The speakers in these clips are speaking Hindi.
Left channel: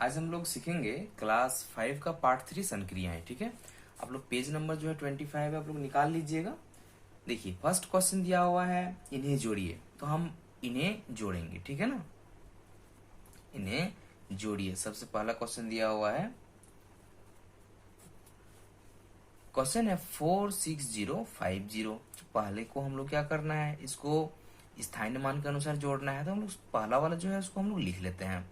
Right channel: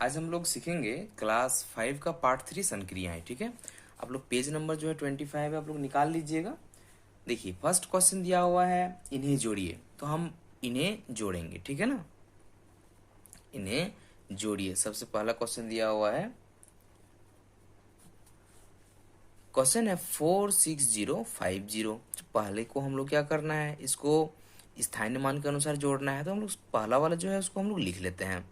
आज हम लोग सीखेंगे क्लास 5 का पार्ट 3 संक्रियाएं। ठीक है, आप लोग पेज नंबर जो है 25 है, आप लोग निकाल लीजिएगा। देखिए फर्स्ट क्वेश्चन दिया हुआ है, इन्हें जोड़िए। तो हम इन्हें जोड़ेंगे, ठीक है ना। इन्हें जोड़िए। सबसे पहला क्वेश्चन दिया हुआ है, क्वेश्चन है 46050। तो पहले को हम लोग क्या करना है, इसको स्थानीय मान के अनुसार जोड़ना है। तो हम लोग पहला वाला जो है उसको हम लोग लिख लेते हैं।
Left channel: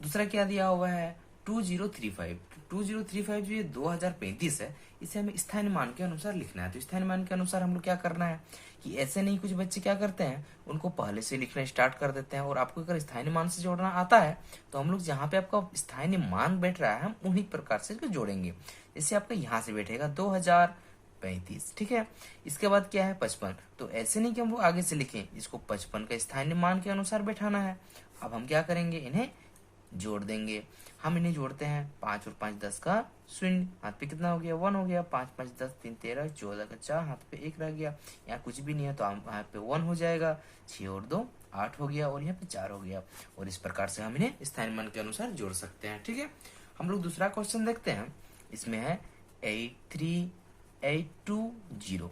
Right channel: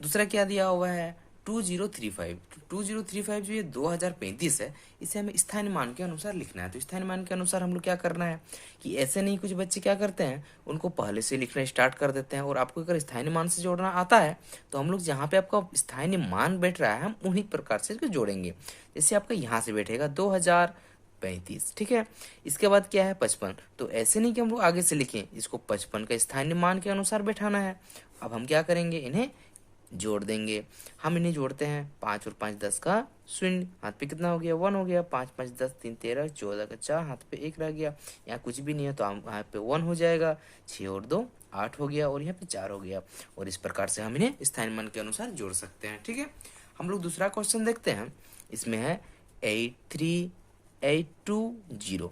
दूसरा क्या दिया हुआ है, 2035। 2035 जो ये 2035 है, इसे हमें स्थानीय मान के अनुसार लिखना है। तो स्थानीय मान के अनुसार हम लोग क्या करना है कि ऐसे नहीं, कुछ बच्चे क्या करते हैं, उनको पहले से लिखना स्टार्ट कर देते हैं। और आपको अगर स्थानीय मान से जोड़ना आता है तो हम लोग जहाँ पे आपका स्थानीय मान बैठ रहा है, हम उन्हीं प्रकार से इसको जोड़ेंगे। जैसे आपका यहाँ से बैठेगा 2035, ठीक है। इसके बाद क्या है 55। तो ऐसे नहीं कि हम लोग आगे से लिखें, इसको 55 का स्थानीय मान के अनुसार बैठाना है। अब हम क्या करेंगे, इन्हें जोड़ देंगे। हम इन्हें जोड़ते हैं, 5 और 5 10 का शून्य, हाथ पे कितना हो गया, 1 हो गया। 5 5 10 3 13, 14 का 4, हाथ पे 1 रह गया। यहाँ कुछ भी नहीं है तो हम यहाँ पे 1 हो जाएगा। 6 और 2 8 हो गया, और यहाँ पे 4 हो गया। और इस प्रकार से हम इन्हें स्थानीय मान के अनुसार जोड़ सकते हैं, ठीक है। हम लोग दूसरा क्वेश्चन देखते हैं। इसमें है 83820।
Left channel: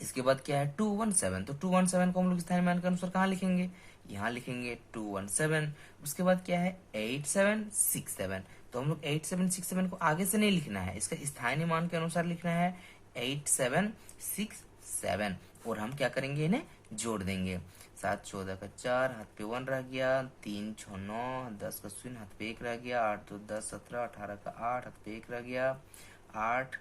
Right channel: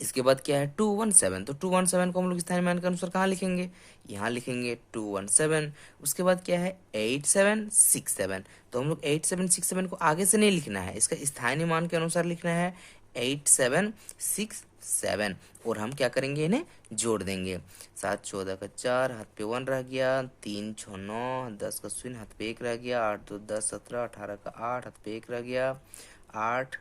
इसके बाद क्या है 217। तो 217 को हम लोग स्थानीय मान के अनुसार कहाँ लिखेंगे, यहाँ लिखेंगे 217। उसके बाद क्या है 8767। तो हम लोग 8767 को आगे से नहीं लिखना है, इसका स्थानीय मान के अनुसार लिखना है 8767। और हम क्या करेंगे, इन्हें जोड़ देंगे। 7 14 का 4, हाथ पे 1 रह गया। 3 6 9, 10 का शून्य, हाथ पे 1 रह गया। 8 2 10 17, 18 का 8, हाथ पे 1 रह गया। 8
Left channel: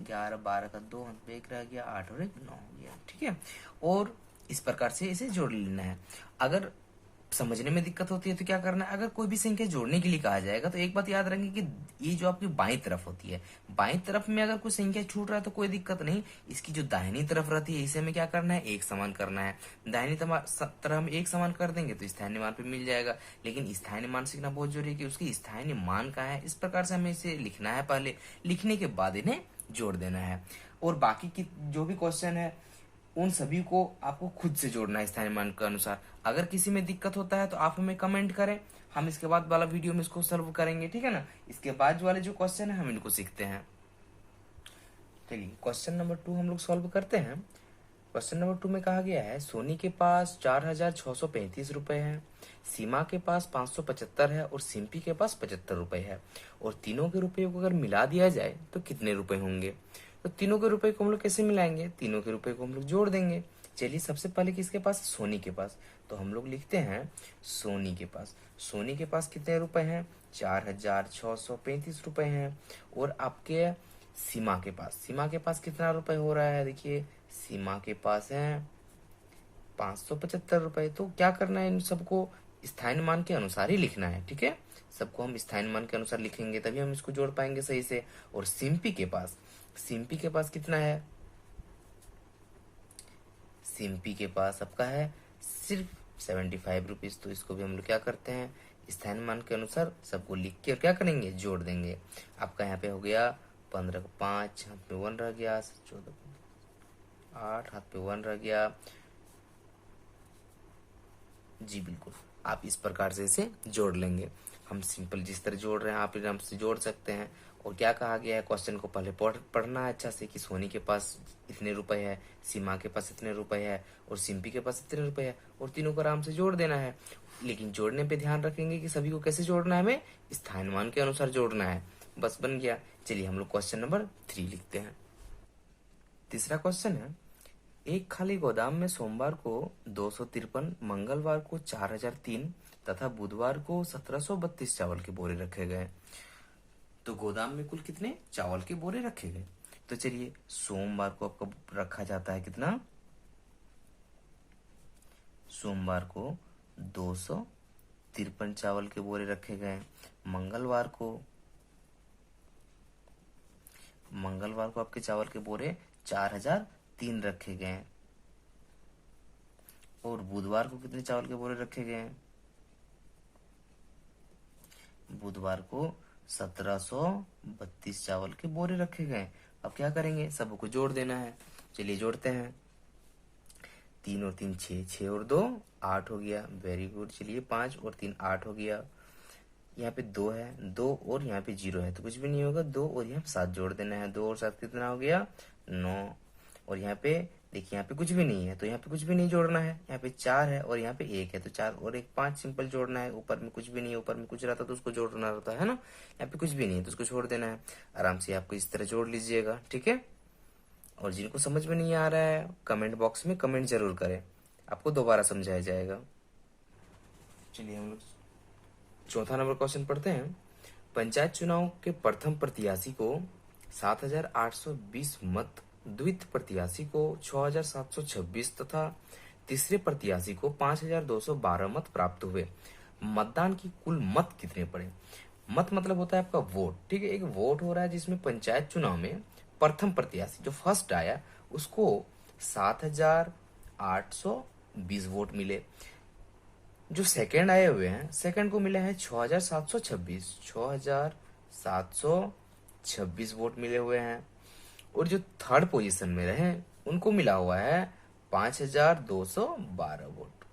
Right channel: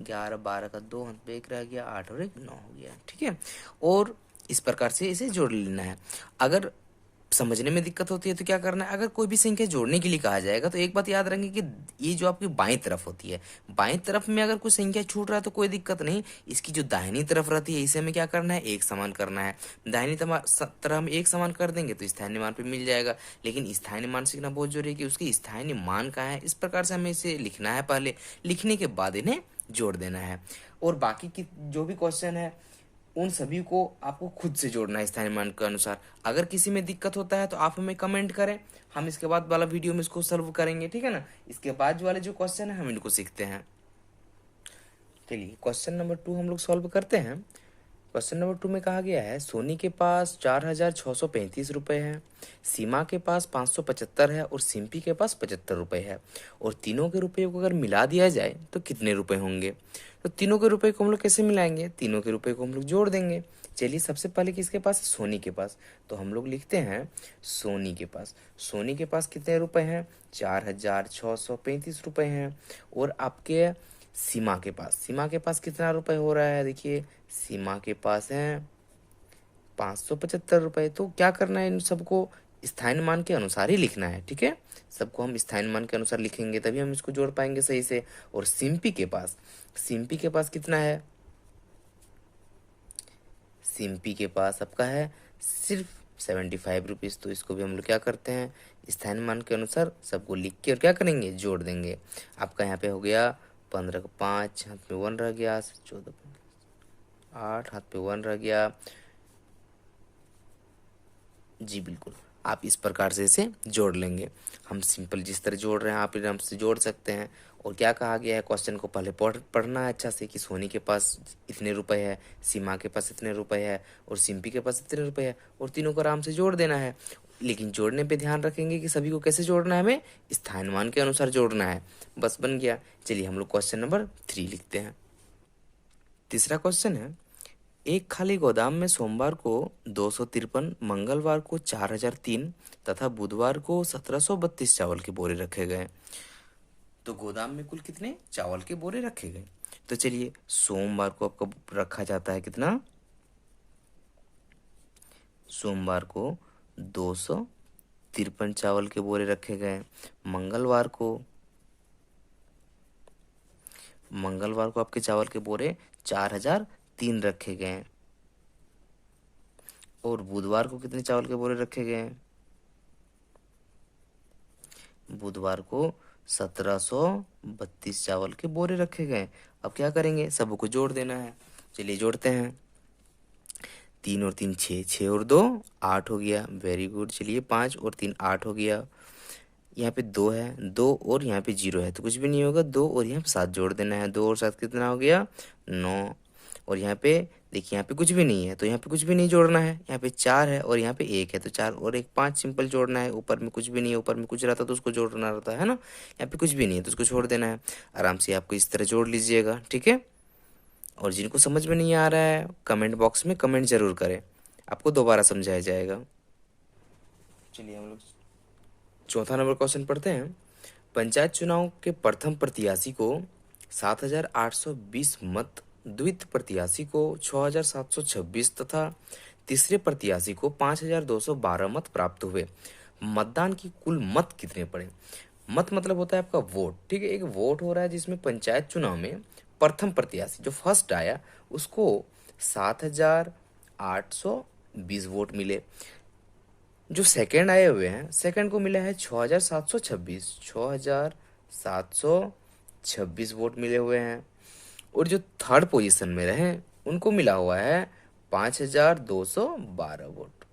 11 12 का 2, हाथ पे 1 रह गया। 8 और 1 9 हो गया, ठीक है। और इस प्रकार से इसे जोड़ लेना है। अगर समझने में दिक्कत होती है तो क्या करना है, अगर कोई भी संख्या जोड़ने के लिए कहा जाएगा तो एक बात याद रखेंगे कि ये जो आपकी बाईं तरफ होती है, बाईं तरफ में अगर कोई संख्या छूट रहा है तो कोई दिक्कत नहीं। इसकी जो दाहिनी तरफ रहती है, इसे हमें क्या करना है, एक समान करना है। दाहिनी तरफ हम एक समान कर देंगे तो स्थानीय मान पे मिल जाएगा। लेकिन स्थानीय मान सीखना बहुत जरूरी है कि उसकी स्थानीय मान कहाँ है। इस प्रकार से हमें इसे लिखना है, पहले लिखने के बाद इन्हें जोड़ देना है। और बाकी की जो भी क्वेश्चन है, उन सभी को आपको खुद से जोड़ना है स्थानीय मान के अनुसार। अगर किसी में दिक्कत होता है तो आप हमें कमेंट करें, हम इसके बाद वाला वीडियो में इसको सॉल्व करेंगे, ठीक है ना। इसके बाद वाले जो क्वेश्चन है हम इनको सीखते हैं। चलिए क्वेश्चन नंबर 2 हम लोग सॉल्व करते हैं। क्वेश्चन नंबर 2 में कहा गया है, सोनी के पास 4635 रुपए है, सीमा के पास 575 है, और सिंपी के पास 75 रुपए है। और तीनों के रुपये को अगर मिला दिया जाए तो कितने रुपए होंगे। तो तीनों के रुपये को हम लोग कैसे मिलाएंगे, तीनों के रुपये को हम लोग जोड़ देंगे। चलिए सबसे पहले किसके पास, सोनी के पास। तो हम लोग लिखते हैं सोनी के पास। सोनी के पास कितने रुपए हैं, 4635 रुपए हैं। और आपके सीमा के पास, सीमा के पास कितना रुपए हो रहा है, देखिए सीमा के पास है 575 रुपए। तो क्या करना है, इन सबको स्थानीय मान के अनुसार ही लिखना है, ठीक है। सबको हम स्थानीय मान के अनुसार लिखेंगे तभी हम इसको जोड़ पाएंगे सही से। और सिंपी के पास, सिंपी के पास कितना है, सिंपी के पास आपका है सिर्फ 75 रुपीज़। तो इसको भी हम लोग क्या करते हैं, स्थानीय मान के अनुसार सबको लिख के और क्या करेंगे, जोड़ देंगे। आपका यहाँ पे हो गया 15 का 5, हाथ पे 1 रह गया। 14 8, हाथ पे 1 रह गया। जी बिल्कुल, आप इस प्रकार से इसे जोड़ लेंगे। हम सिंपल जिस तरह जोड़ रहे हैं आप आराम से जोड़ सकते हैं। और क्या कहा गया है, क्वेश्चन को पहले पढ़ना है अच्छा से कि सोनी के पास इतने रुपए है, सीमा के पास इतने रुपए है, और सिंपी के पास इतने रुपए है। और तीनों को आराम से जोड़ देना है। लेकिन जोड़ने पे ध्यान रखेंगे कि सभी को कैसे जोड़ना है, हमें स्थानीय मान के अनुसार जोड़ना है। बस बन गया। चलिए हम लोग क्वेश्चन नंबर 3 लिखते हैं। तीसरा क्वेश्चन है, एक खाली गोदाम में सोमवार को 253, मंगलवार को 4003 तथा बुधवार को 1732 चावल के बोरे रखे गए। तो गोदाम में कुल कितने चावल के बोरे रखे गए। तो चलिए सोमवार को आपको रखा जाता है कितना, सोमवार को 253 चावल के बोरे रखे गए। मंगलवार को, मंगलवार को आपके चावल के बोरे 4003 रखे गए। और बुधवार को कितने चावल के बोरे रखे गए हैं, बुधवार को 1732 चावल के बोरे रखे गए। अब क्या करेंगे, सबको जोड़ देना है। चलिए जोड़ते हैं। 3 और 3 6, 6 और 2 8 हो गया। Very good. चलिए 5 और 3 8 हो गया। यहाँ पे 2 है, 2 और यहाँ पे 0 है तो कुछ भी नहीं होगा। 2 और यहाँ पे 7 जोड़ देना है, 2 और 7 कितना हो गया 9। और यहाँ पे देखिए यहाँ पे कुछ भी नहीं है तो यहाँ पे कुछ भी नहीं जोड़ना है। यहाँ पे 4 है और यहाँ पे 1 है तो 4 और 1 5 सिंपल जोड़ना है। ऊपर में कुछ भी नहीं है, ऊपर में कुछ रहता तो उसको जोड़ना रहता है ना। यहाँ पे कुछ भी नहीं है तो उसको छोड़ देना है। आराम से आपको इस तरह जोड़ लीजिएगा, ठीक है। और जिनको समझ में नहीं आ रहा है कमेंट बॉक्स में कमेंट जरूर करें, आपको दोबारा समझाया जाएगा। चलिए हम लोग चौथा नंबर क्वेश्चन पढ़ते हैं। पंचायत चुनाव के प्रथम प्रत्याशी को 7,820 मत, द्वितीय प्रत्याशी को 6,726 तथा तीसरे प्रत्याशी को 5,212 मत प्राप्त हुए। मतदान की कुल मत कितने पड़े? मत मतलब होता है आपका वोट, ठीक है। एक वोट हो रहा है जिसमें पंचायत चुनाव में प्रथम प्रत्याशी जो फर्स्ट आया उसको 7,820 वोट मिले। जो सेकंड आए हुए हैं सेकंड को मिला है 6,726 वोट मिले हुए हैं। और जो थर्ड पोजीशन में रहे उनको मिला हुआ है 5,212 वोट।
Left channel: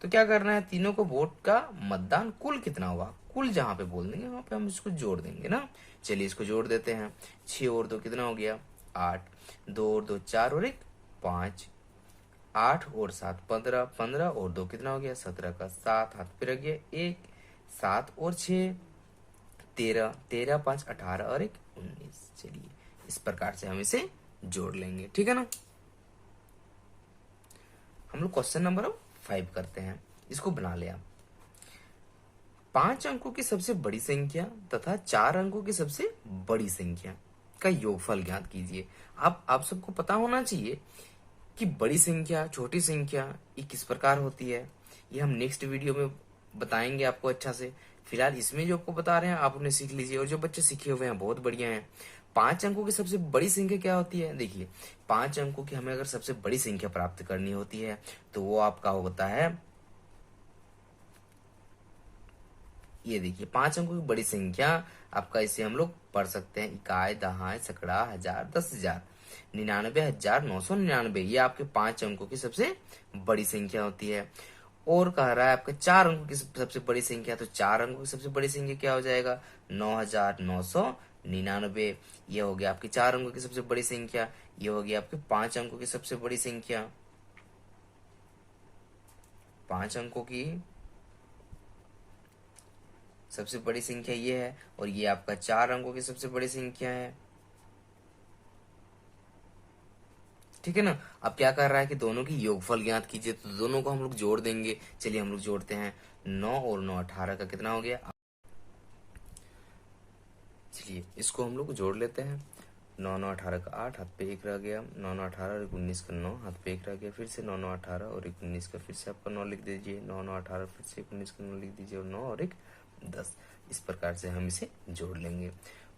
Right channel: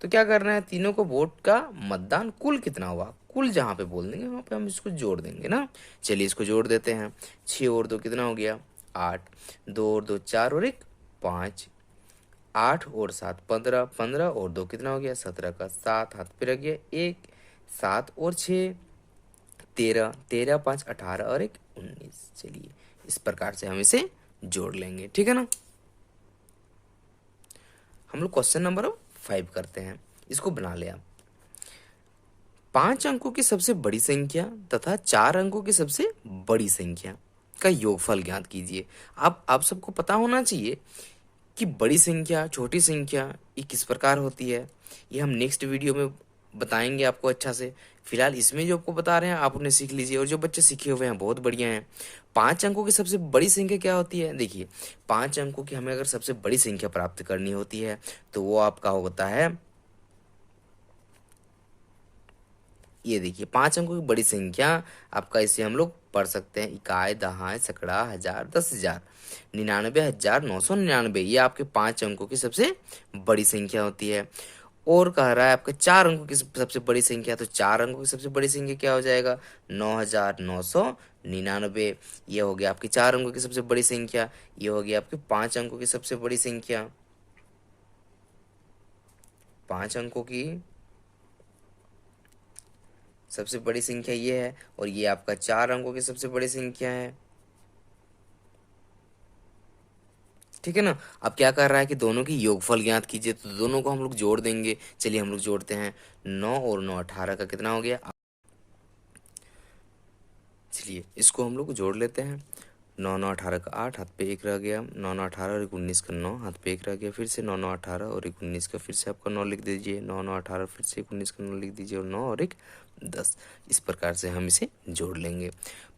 तो क्या करना है, तीनों को वोट का मतदान कुल कितना हुआ, कुल जहां पे बोल देंगे वहां पे हम इसको जोड़ देंगे ना। चलिए इसको जोड़ देते हैं। 6 और 2 कितना हो गया 8, 2 और 2 4 और 1 5, 8 और 7 15, 15 और 2 कितना हो गया 17 का 7 हाथ पे रख गया 1, 7 और 6 13, 13 5 18 और 1 19। चलिए इस प्रकार से हम इसे जोड़ लेंगे, ठीक है ना। हम लोग क्वेश्चन नंबर 5 करते हैं, इसको बना ले आप। 5 अंकों की सबसे बड़ी संख्या तथा 4 अंकों की सबसे बड़ी संख्या का योगफल ज्ञात कीजिए। आप सबको पता होना चाहिए कि बड़ी संख्या छोटी संख्या ये किस प्रकार होती है। ये हम नेक्स्ट वीडियो में बताएंगे आपको अच्छा से। फिलहाल इसमें जो आपको बता रहे हैं आप उन्हें सीख लीजिए, और जो बच्चे सीखे हुए हैं बहुत बढ़िया हैं। 5 अंकों की सबसे बड़ी संख्या क्या होती है, देखिए 5 अंकों की हमें अगर सबसे बड़ी संख्या प्राप्त करनी होती है तो वो आपका होता है, ये देखिए 5 अंकों की बड़ी संख्या आपका, इसे हम लोग पढ़ सकते हैं इकाई दहाई सैकड़ा हजार 10,000 99,999। ये आपके 5 अंकों की सबसे बड़ी संख्या होती है। और कह रहा है आपके 4 अंकों की सबसे बड़ी संख्या, तो 4 अंकों की सबसे बड़ी संख्या क्या हो जाएगा 9,999। ये हो गया आपकी 4 अंकों की सबसे बड़ी संख्या। ये हो गया आपके 5 अंकों की सबसे बड़ी संख्या, 5 अंकों की सबसे बड़ी संख्या ये है। और ये आपका 4 अंकों की सबसे बड़ी संख्या है, ठीक है ना। अब क्या कर रहा है कि दोनों की योगफल ज्ञात कीजिए, तो दोनों को हम लोग जोड़ देंगे। चलिए हम लोग जोड़ते हैं। 9 और 9 18 का कितना हो गया, चलिए इसको हम लोग जोड़ लेते हैं। 9 9 18 का 8 हाथ पे 1 रह गया, 9 9 18 और 1 19 का 9 हाथ पे 1 रह गया। फिर से 9 9 18 और 1 19 का फिर से आपका 9 लिख दीजिए, 9 9 18 फिर से 1 19 का 9 लिख दीजिए, और 9 और 1 10। इस प्रकार से हम इसे जोड़ लेंगे,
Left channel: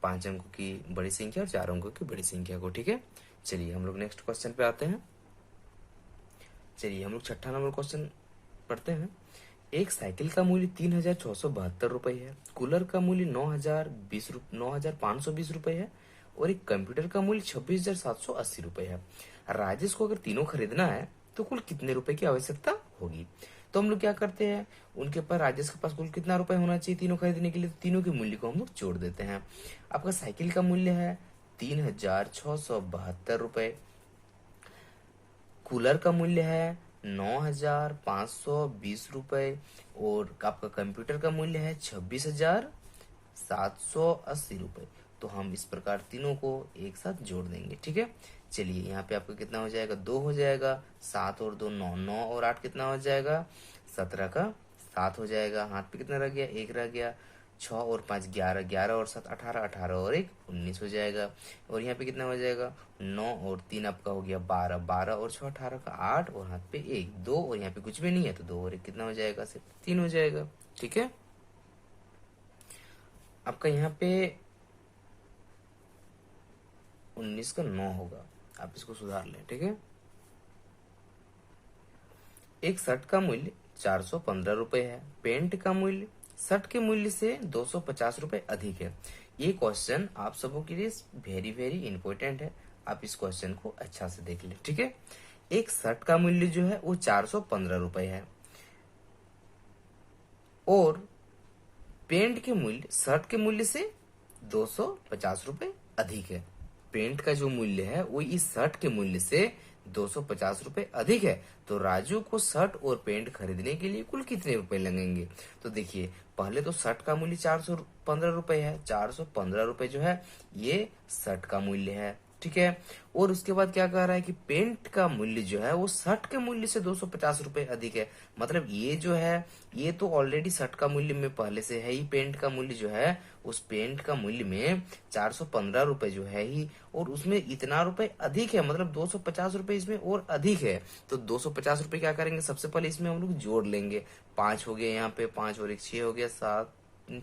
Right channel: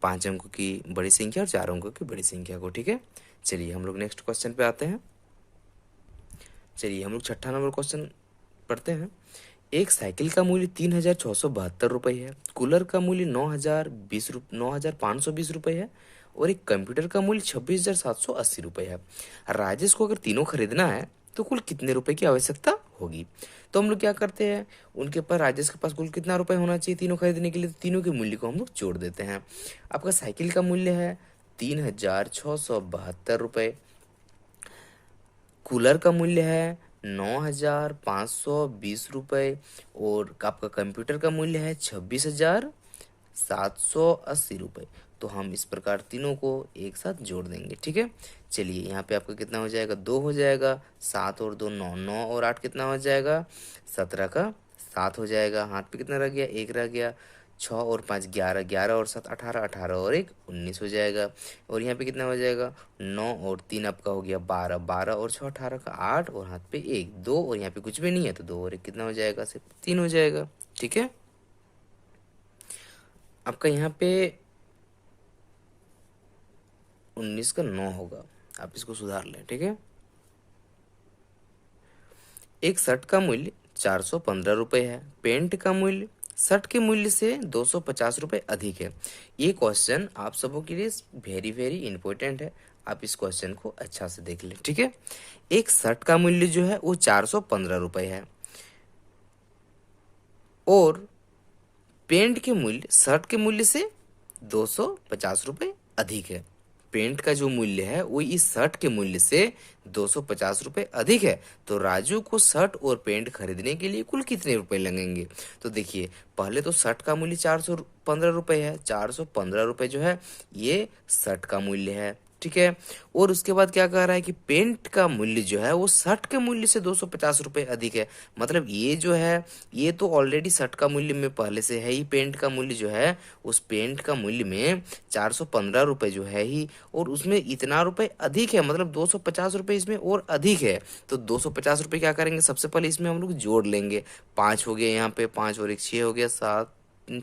5 अंकों की बड़ी संख्या और 4 अंकों की बड़ी संख्या को, ठीक है। चलिए हम लोग नेक्स्ट क्वेश्चन पे आते हैं। चलिए हम लोग छठा नंबर क्वेश्चन पढ़ते हैं। एक साइकिल का मूल्य 3,672 रुपये है, कूलर का मूल्य 9,520 रुपये है, और एक कंप्यूटर का मूल्य 26,780 रुपये है। राजेश को अगर तीनों खरीदना है तो कुल कितने रुपए की आवश्यकता होगी? तो हम लोग क्या करते हैं, उनके पास राजेश के पास कुल कितना रुपए होना चाहिए तीनों खरीदने के लिए, तो तीनों के मूल्य को हम लोग जोड़ देते हैं। आपका साइकिल का मूल्य है 3,672 रुपये, कूलर का मूल्य है 9,520 रुपये, और आपका कंप्यूटर का मूल्य है 26,780 रुपये। तो हम इस प्रकार तीनों को एक साथ जोड़ देंगे, ठीक है। चलिए यहाँ पे आपका कितना हो जाएगा 2 हो जाएगा, 7 और 2 9, 9 और 8 कितना हो जाएगा 17 का 7 हो जाएगा। हाथ पे कितना रह गया 1 रह गया, 6 और 5 11, 11 और 7 18, 18 और 1 19 हो जाएगा। और यहाँ पे कितना हो जाएगा 9 और 3 आपका हो गया 12, 12 और 6 18 का 8, और हाथ पे 1 2, और यहाँ पे कुछ भी नहीं है तो 2 और 1 कितना हो जाएगा सिर्फ 3 हो जाएगा, ठीक है। आपका यहाँ पे 19 का 9 होगा, आप इसको सुधार लें, ठीक है। एक शर्ट का मूल्य 415 रुपये है, पेंट का मूल्य शर्ट के मूल्य से 250 रुपये अधिक है। ये क्वेश्चन आप सबों के लिए वेरी वेरी इंपॉर्टेंट है, आप इस क्वेश्चन को अच्छा से देख लें, ठीक है। एक शर्ट का मूल्य जो है वो 415 रुपये है, और पेंट के मूल्य शर्ट के मूल्य से 250 रुपये अधिक है। पेंट का जो मूल्य है वो इस शर्ट के मूल्य से 250 रुपये अधिक है। तो राजू को शर्ट और पेंट खरीदने के लिए कुल कितने रुपए लगेंगे? तो देखिए, पहले तो शर्ट का मूल्य 415 रुपये है। 415 रुपये जो है ये शर्ट का मूल्य है, ठीक है। और उसके बाद क्या कह रहा है कि पेंट का मूल्य जो है वो शर्ट के मूल्य से 250 रुपये अधिक है। मतलब ये जो है ये तो ऑलरेडी शर्ट का मूल्य में पहले से है ही। पेंट का मूल्य जो है उस पेंट का मूल्य में 415 रुपये जो है ही, और उसमें इतना रुपए अधिक है, मतलब 250 रुपये इसमें और अधिक है। तो 250 रुपये क्या करेंगे, सबसे पहले इसमें हम लोग जोड़ लेंगे। 5 हो गया यहाँ पे, 5 और 1 6 हो गया, 7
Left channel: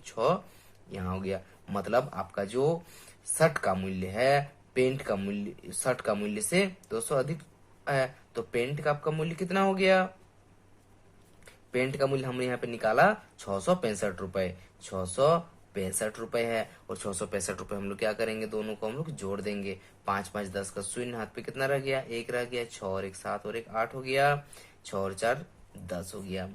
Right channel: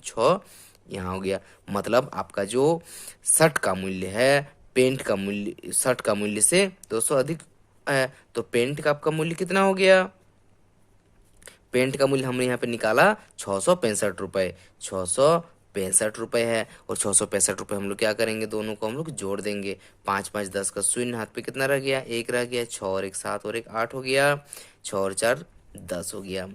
6 यहाँ हो गया। मतलब आपका जो शर्ट का मूल्य है पेंट का मूल्य शर्ट का मूल्य से 200 अधिक है। तो पेंट का आपका मूल्य कितना हो गया? पेंट का मूल्य हमने यहाँ पे निकाला 665 रुपये। 665 रुपये है, और 665 रुपये हम लोग क्या करेंगे, दोनों को हम लोग जोड़ देंगे। 5 5 10 का शून्य, हाथ पे कितना रह गया? 1 रह गया। 6 और 1 7 और 1 8 हो गया। 6 और 4 10 हो गया,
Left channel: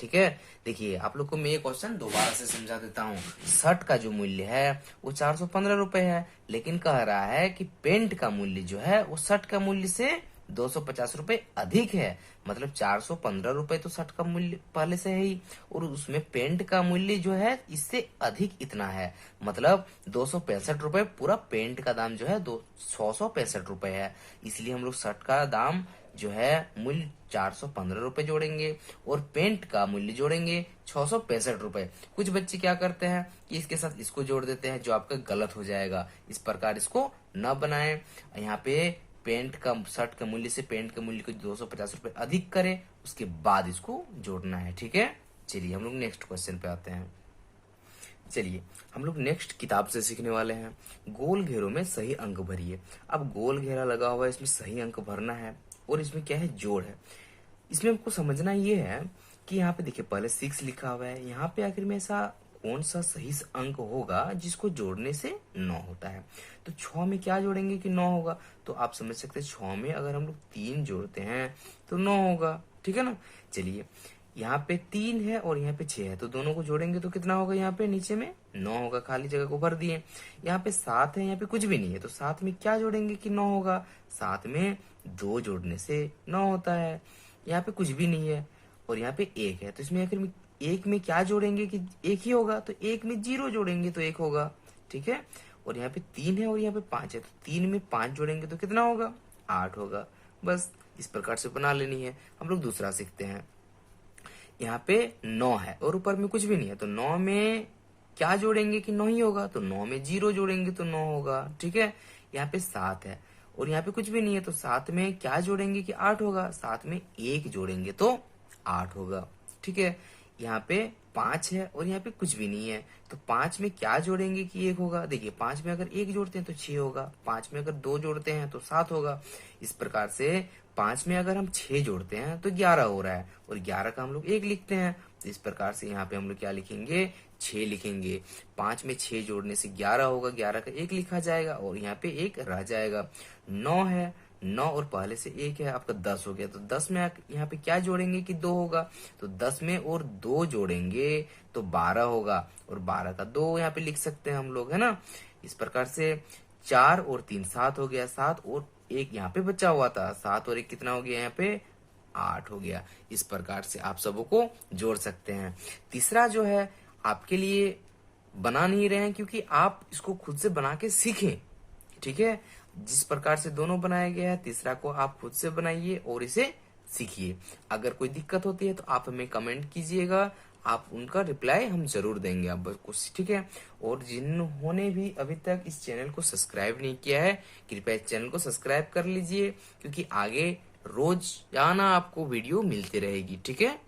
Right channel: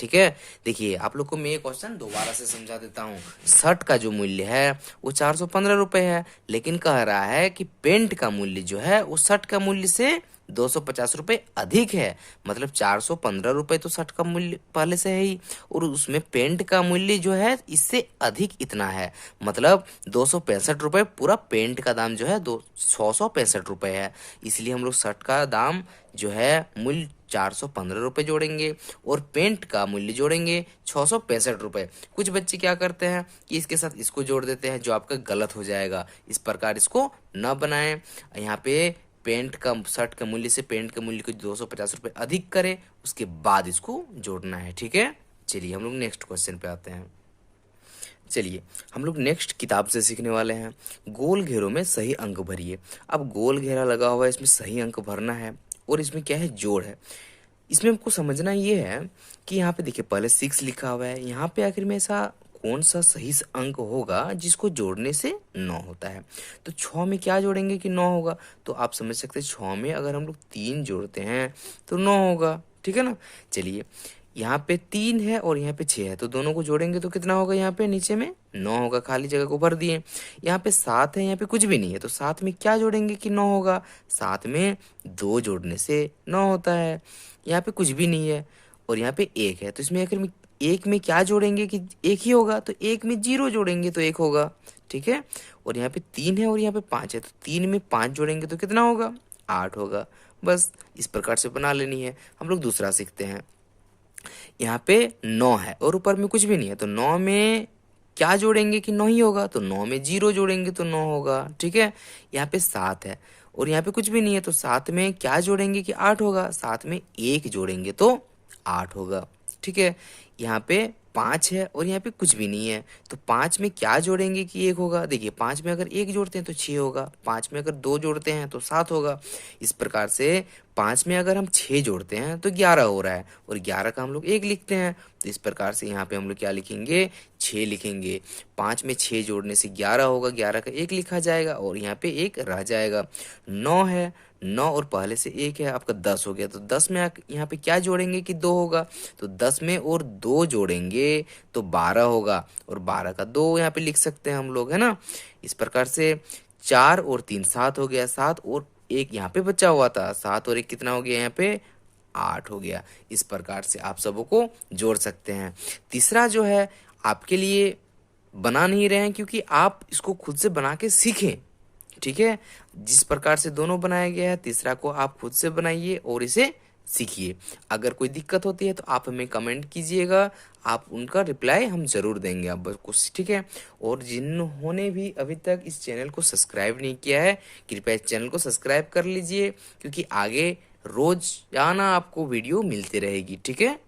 ठीक है। देखिए, आप लोग को मैं ये क्वेश्चन दोबारा से समझा देता हूँ। शर्ट का जो मूल्य है वो 415 रुपये है, लेकिन कह रहा है कि पेंट का मूल्य जो है वो शर्ट का मूल्य से 250 रुपये अधिक है। मतलब 415 रुपये तो शर्ट का मूल्य पहले से है ही, और उसमें पेंट का मूल्य जो है इससे अधिक इतना है। मतलब 265 रुपये पूरा पेंट का दाम जो है 665 रुपये है। इसलिए हम लोग शर्ट का दाम जो है मूल्य 415 रुपये जोड़ेंगे, और पेंट का मूल्य जोड़ेंगे 665 रुपये। कुछ बच्चे क्या करते हैं कि इसके साथ इसको जोड़ देते हैं, जो आपका गलत हो जाएगा। इस प्रकार इसको न बनाएं। यहाँ पे पेंट का शर्ट के मूल्य से पेंट के मूल्य को 250 रुपये अधिक करें, उसके बाद इसको जोड़ना है, ठीक है। चलिए हम लोग नेक्स्ट क्वेश्चन पे आते हैं। चलिए हम लोग नेक्स्ट किताब से सीखने वाले हैं। गोल घेरों में सही अंक भरिए। अब गोल घेरा लगा हुआ है, इसमें सही अंक भरना है, और इसमें क्या है, जोड़ है। इसमें हमको समझना ये है कि यहाँ पे देखिए पहले 6 लिखा हुआ है, यहाँ पे आखिर में ऐसा कौन सा सही अंक होगा जिसको जोड़ने से 9 होता है। तो 6 में क्या जोड़ेंगे कि 9 होगा। तो आप समझ सकते हैं 6 में अगर हम लोग 3 जोड़ते हैं तो 9 होगा, ठीक है ना। चलिए, यहाँ पे 3 है और यहाँ पे 6 है, तो दोनों को जोड़ेंगे तो कितना होगा, यहाँ पे नीचे में 9 होगा, खाली जगह को भर दिए। यहाँ पे 7 है, यहाँ पे कुछ भी नहीं है, तो 7 में क्या जोड़ेंगे कि 9 होगा। 7 में 2 जोड़ने से 9 होता है। यहाँ पे कुछ भी नहीं है, और यहाँ पे 1 है, तो इसमें आखिर में 1 में क्या जोड़ेंगे कि 1 ही होगा, तो 1 में 0 जोड़ेंगे तो 1 होगा, ठीक है। और यहाँ पे 3 है और यहाँ पे 5 है, तो 3 में 5 जोड़ेंगे तो कितना होगा, 8 होगा। बस इस प्रकार से बना लेनी है। हम लोग दूसरा सीखते हैं। यहाँ पे 9 है और ऊपर में कुछ भी नहीं है, तो 9 में क्या जोड़ेंगे कि 9 ही होगा, तो 9 में 0 जोड़ेंगे तो 9 होगा, ठीक है। यहाँ पे 7 है और यहाँ पे कुछ भी नहीं है, तो 7 में क्या जोड़ेंगे कि 8 होगा। 7 में 1 जोड़ेंगे तो 8 होगा, ठीक है। यहाँ पे 5 है और यहाँ पे कुछ भी नहीं है, तो 5 में क्या जोड़ेंगे कि 1 होगा। देखिए 5 में अगर 1 जोड़ते हैं तो 6 होगा, 5 में अगर 2 जोड़ते हैं तो 7 होगा। इस प्रकार से 5 में अगर हम 6 जोड़ते हैं तो 11 हो रहा है, और 11 का हम लोग 1 लिखते हैं। तो इस प्रकार से यहाँ पे हम लोग क्या लिखेंगे, 6 लिखेंगे। 5 में 6 जोड़ने से 11 होगा, 11 का 1 लिखा जाएगा और यहाँ पे 1 रह जाएगा। 9 है, 9 और पहले से 1 है, आपका 10 हो गया। तो 10 में यहाँ पे क्या जोड़ेंगे कि 2 होगा, तो 10 में और 2 जोड़ेंगे तो 12 होगा, और 12 का 2 यहाँ पे लिख सकते हैं हम लोग, है ना। इस प्रकार से 4 और 3 7 हो गया, 7 और 1 यहाँ पे बचा हुआ था, 7 और 1 कितना हो गया यहाँ पे, 8 हो गया। इस प्रकार से आप सबों को जोड़ सकते हैं। तीसरा जो है आपके लिए बना नहीं रहे हैं, क्योंकि आप इसको खुद से बना के सीखें, ठीक है। जिस प्रकार से दोनों बनाया गया है, तीसरा को आप खुद से बनाइए और इसे सीखिए। अगर कोई दिक्कत होती है तो आप हमें कमेंट कीजिएगा, आप उनका रिप्लाई हम जरूर देंगे आपको, ठीक है। और जिन्होंने भी अभी तक इस चैनल को सब्सक्राइब नहीं किया है, कृपया इस चैनल को सब्सक्राइब कर लीजिए, क्योंकि आगे रोजाना आपको वीडियो मिलती रहेगी, ठीक है।